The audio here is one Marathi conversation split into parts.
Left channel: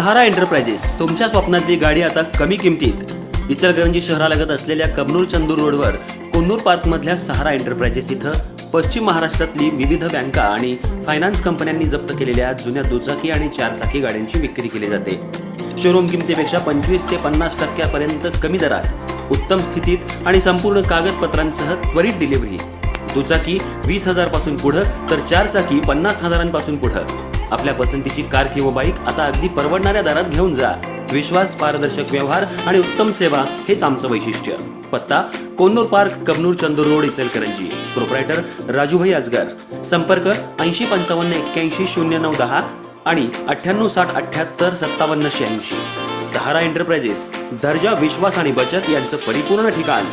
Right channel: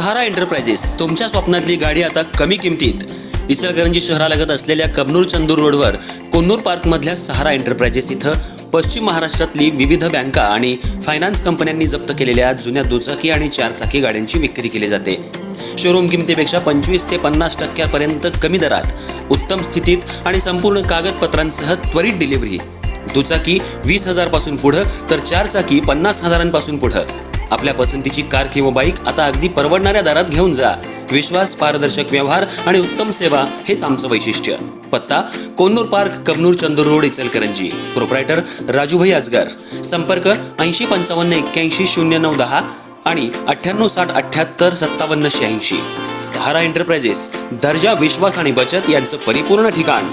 सहारा एंटरप्राइजेस तुमच्या स्वप्नातली गाडी आता कमी किमतीत. इचलकरंजी शहरालगत असलेल्या कबनूर चंदूर रोडवर कोन्नूर पार्कमधल्या सहारा एंटरप्राइजेस इथं पश्चिम महाराष्ट्रातली विविध बँका आणि फायनान्स कंपन्यांनी जप्त केलेल्या जुन्या दुचाकी आणि चारचाकी गाड्यांची विक्री केली जाते. शोरूम किमतीपेक्षा 25 ते 50% कमी दरात, उत्तम स्थितीत आणि संपूर्ण कागदपत्रांसह त्वरित डिलिव्हरी. दुचाकी 20,000 पासून पुढं तर चारचाकी 50,000 पुढं. आपल्या पसंतीची कार किंवा बाईक आता अगदी परवडणाऱ्या दरात घेऊन जा. विश्वास, पारदर्शक व्यवहार आणि उत्तम सेवा हेच आमचं वैशिष्ट्य. पत्ता Konnur park, Kabnoor Chandur road, Ichalkaranji. Proprietor Rajubhai Ajgar. संपर्क 8055810910 आणि 9860785786. सहारा एंटरप्राइजेस, दर्जा, विश्वास आणि बचत यांचं परिपूर्ण ठिकाण.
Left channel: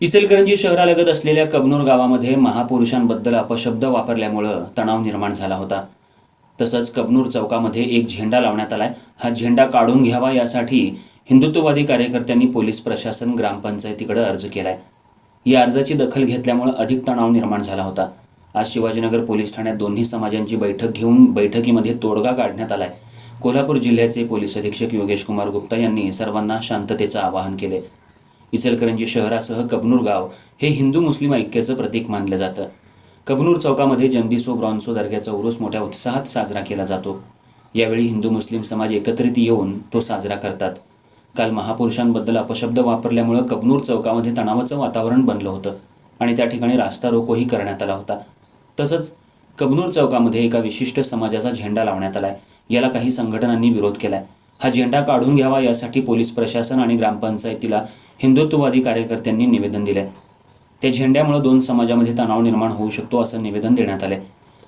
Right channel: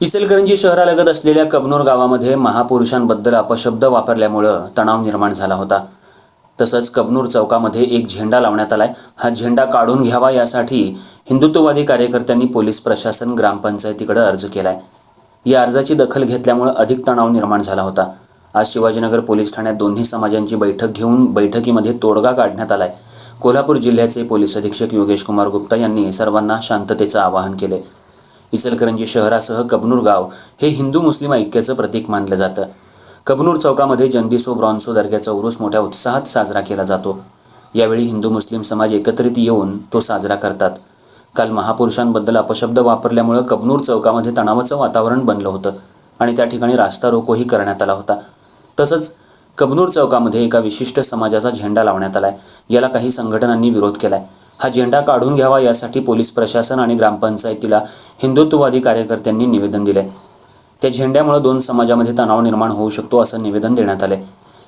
इचलकरंजी शहरालगत असलेल्या कबनूर गावामध्ये महापुरुषांबद्दल अपशब्द वापरल्यामुळं तणाव निर्माण झाला होता. तसंच कबनूर चौकामध्ये एक झेंडा लावण्यात आलाय. हा झेंडा काढून घ्यावा यासाठी हिंदुत्ववादी कार्यकर्त्यांनी पोलीस प्रशासन, ग्रामपंचायतीकडे अर्ज केलाय. या अर्जाची दखल घेतल्यामुळे अधिक तणाव निर्माण झाला होता. आज शिवाजीनगर पोलीस ठाण्यात दोन्ही समाजांची बैठक घेऊन बैठकीमध्ये तोडगा काढण्यात आलाय. कोल्हापूर जिल्ह्याचे पोलीस अधीक्षक योगेश कुमार गुप्ता यांनी सर्वांना शांततेचं आवाहन केले. इचलकरंजी शहरासह कबनूर गाव हे हिंदू मुस्लिम ऐक्याचं प्रतीक मानलं जातं. कबनूर चौकामध्ये जंदिसो ब्रॉन्सो दर्ग्याचा उरूस मोठ्या उत्साहात साजरा केला जातो. यावेळी हिंदू मुस्लिम समाज एकत्रित येऊन तो साजरा करतात. काल महापुरुषांबद्दल अपशब्द वापरल्यामुळे कबनूर चौकामध्ये तणावाचं वातावरण बनलं होतं आणि त्या ठिकाणी रास्ता रोकोही करण्यात आला होता. तसंच कबनूर चौकामध्ये एका विशिष्ट समाजाचा झेंडा लावण्यात आलाय. याला काही संघटनांनी विरोध केलाय. हा झेंडा काढून घ्यावा यासाठी पोलीस प्रशासन आणि ग्रामपंचायतीला हिंदुत्ववादी कार्यकर्त्यांनी निवेदन दिले. त्या झेंड्यामुळे दोन समाजामध्ये तणाव निर्माण होऊ शकतो असं निवेदन देण्यात आले.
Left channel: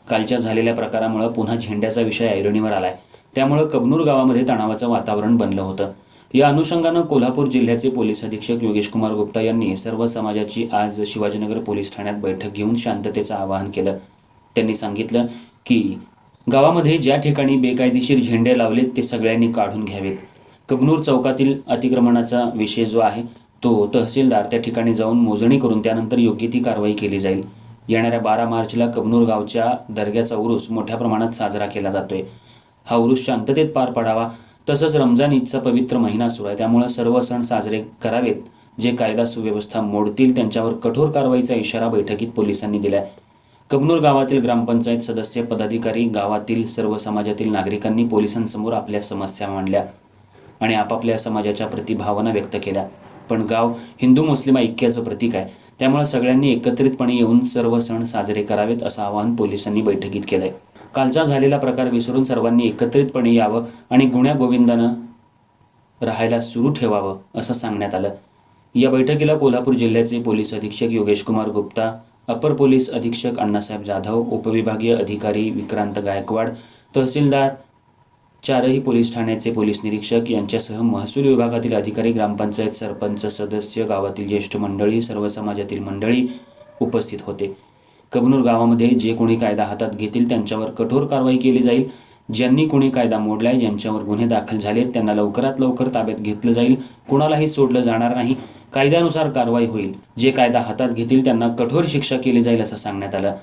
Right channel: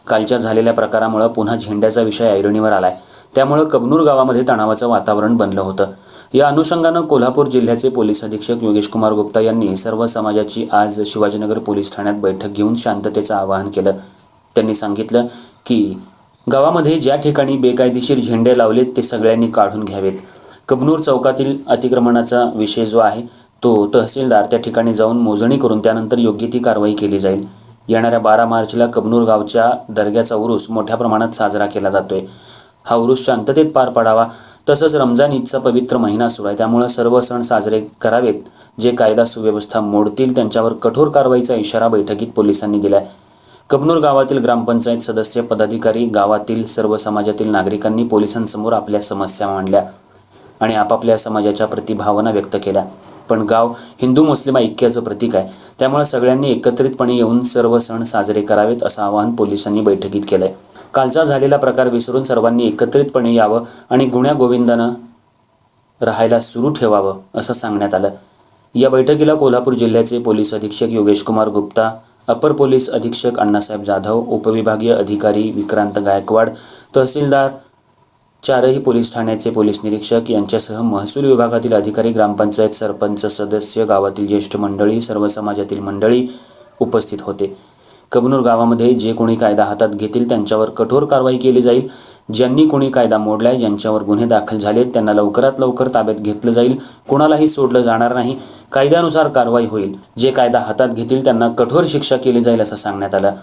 कालच्या झालेल्या प्रकारामुळे पुन्हा झेंड्याचा विषय ऐरणीवर आलाय. त्यामुळे कबनूर गावामध्ये तणावाचं वातावरण बनलं होतं. या अनुषंगानं कोल्हापूर जिल्ह्याचे पोलीस अधीक्षक योगेश कुमार गुप्ता यांनी सर्व समाजाची आज शिवाजीनगर पोलीस ठाण्यात बैठक घेऊन शांततेचं आवाहन केलं. त्यांनी सांगितलं की गावामध्ये ज्या ठिकाणी बेकायदेशीर झेंडे लावलेत ते सगळ्यांनी काढून घ्यावेत. कबनूर चौकातील अतिक्रमणाचा विषय जो आहे तो तहसीलदार त्या ठिकाणी जाऊन मोजणी करून त्यानंतर योग्य ती कारवाई केली जाईल. येणाऱ्या 12 मार्चला कबनूर गावच्या दर्ग्याचा उरूस मोठ्या प्रमाणात साजरा केला जातोय. हा उरूस शांततेत पार पडावा. तसंच रमजान ईदचा पवित्र महिना सुरू आहे, त्यामुळे सर्व सण साजरे करावेत. जे कायदा सुव्यवस्था मोडतील त्यांच्यावर कठोर कारवाईचा इशारा बैठकीत पोलिसांनी दिलाय. कबनूर गावातील ग्रामपंचायत सदस्य, पदाधिकारी, गावातील सर्व समाजातील नागरिकांनी पोलिसांसमोर आपल्या समस्या मांडल्या आणि आपापल्या समाजाच्या प्रति भावना व्यक्त केल्या. पण गाव हिंदू मुस्लिम ऐक्याचं प्रतीक आहे, त्यामुळे सगळ्यांनी एकत्रितपणे येऊन सर्व सण साजरे करावेत असं आवाहन पोलिसांनी बैठकीत केलंय. कालचा झालेला प्रकार विसरून सर्वांनी एकत्रितपणे यावं आणि गुण्या गोविंदानं राहायला सुरू ठेवावं असं सांगण्यात आलं. या बैठकीला कोल्हापूर जिल्ह्याचे पोलीस अधीक्षक योगेश कुमार गुप्ता, अपर पोलीस अधीक्षक अण्णासाहेब जाधव, उपविभागीय अधिकारी विक्रांत गायकवाड, तहसीलदार, 4ही पोलीस ठाण्याचे पोलीस निरीक्षक यांच्यासह महसूल विभागातील अधिकारी, ग्रामपंचायत सरपंच सदस्य, गावातील ज्येष्ठ मंडळी, सर्व समाजातील मंडळी उपस्थित होते. कबनूर गावामध्ये जे कोणी कायदा हातात घेतील त्यांच्यावर कठोर कारवाई केली जाईल. ज्यांनी कोणी कायदा मोडलाय, ज्यांच्यावर गुन्हे दाखल झालेत त्यांना लवकरात लवकर ताब्यात घेतलं जाईल. कोणालाही सोडलं जाणार नाही. कायद्यानुसार कारवाई होईल. जे कायदा हातात घेतील त्यांना कठोर शिक्षा केली जाईल असं सांगण्यात आलं.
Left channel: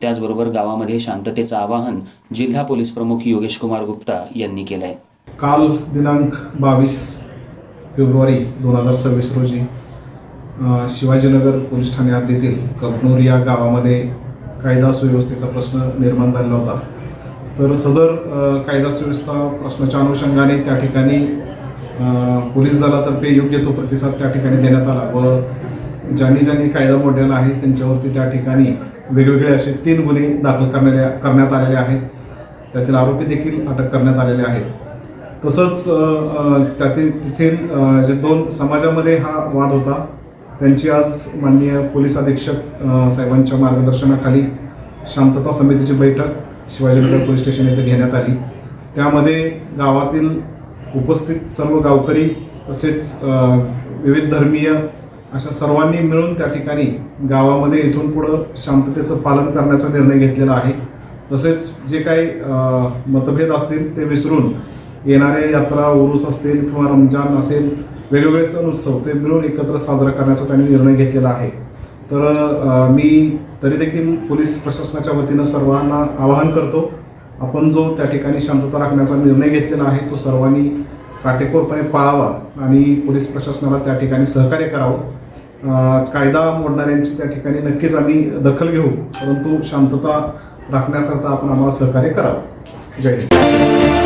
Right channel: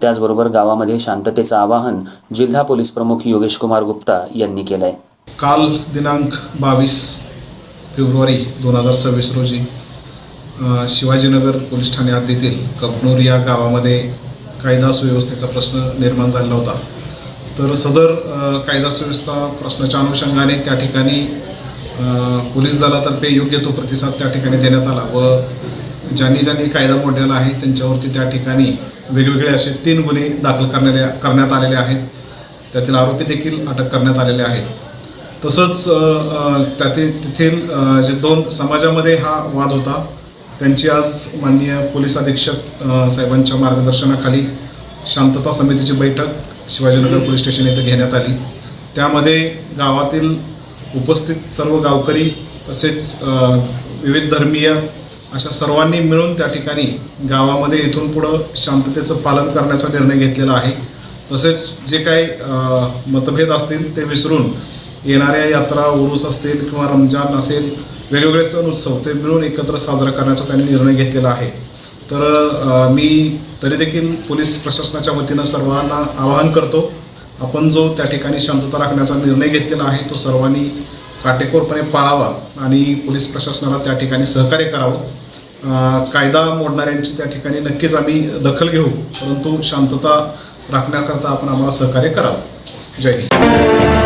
त्याचबरोबर गावामध्ये शांततेचं आवाहन जिल्हा पोलीस प्रमुख योगेश कुमार गुप्ता यांनी केलंय. काल दिनांक 22 फेब्रुवारी 2026 रोजी शिवाजीनगर पोलीस ठाणे हद्दीतील कबनूर या गावामध्ये कायदा सुव्यवस्थेचा प्रश्न निर्माण झालेला होता. तर सदर कायदा सुव्यवस्था प्रश्नाच्या अनुषंगाने त्या ठिकाणी पोलीस दलातर्फे योग्य तो प्रतिसाद त्या ठिकाणी देण्यात आला व ज्यांनी कायदा मोडलेला आहे त्यांच्यावरती त्या ठिकाणी वेगवेगळे असे 3 गुन्हे दाखल करण्यात आलेले आहेत. त्यातील आरोपी देखील अटक करण्यात आलेले आहेत. तसंच तेथील जे 2 समाजामध्ये हा वाद होता त्यांची आज माननीय पोलीस अधीक्षक साहेबांच्या मार्गदर्शनाखाली शांतता समितीची बैठक शिवाजीनगर पोलीस स्टेशन येथे घेण्यात आली. त्यामध्ये गावातील उपस्थित सर्व गावकरी तसेच विविध धर्मीय अशा सर्वांनी मिळून त्या ठिकाणी गावामध्ये इथून पुढं शांततेचं पालन करण्याचा निर्णय घेतलेला आहे. तसेच जे काही मतभेद असतील ते विसरून येणाऱ्या यात्रा, उरूस असतील किंवा रमजान असेल, वेगवेगळे सण उत्सव ते मिळून एकत्र साजरा करण्याचा त्यांनी निर्णय घेतलेला आहे. तर मी तरी देखील पोलीस प्रशासनाच्या वतीनं सर्वांना आवाहन करतो, आपण जो त्या ठिकाणी शांतता राखण्याचा निर्णय घेतलेला आहे तो सर्वांनी काटेकोरपणे पाळावा आणि पोलीस प्रशासनाला त्या ठिकाणी सहकार्य करावं. कायदा मोडणाऱ्यांची त्या ठिकाणी नक्कीच आम्ही दखल घेऊ, परंतु शांतता राखण्याकरता आपण आम्हाला सहकार्य करावं. जय हिंद.